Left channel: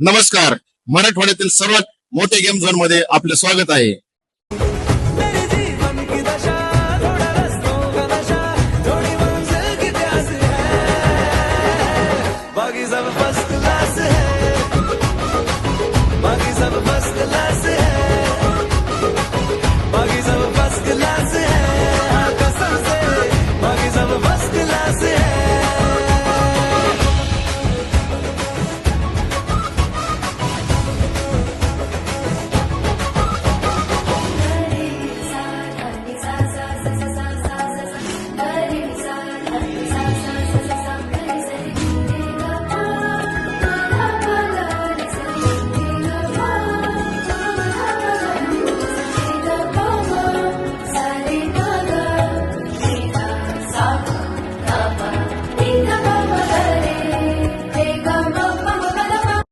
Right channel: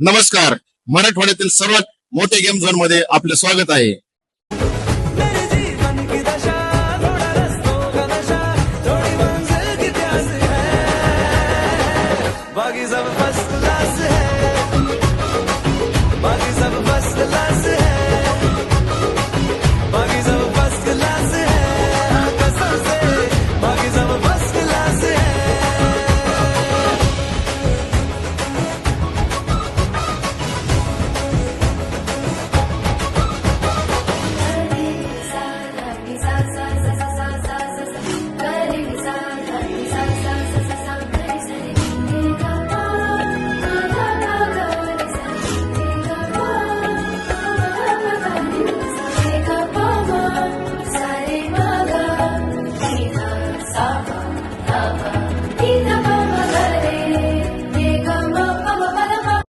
नमस्कार. मराठवाड्यातील सर्वात मोठे गेम झोन मध्ये आपले स्वागत आहे.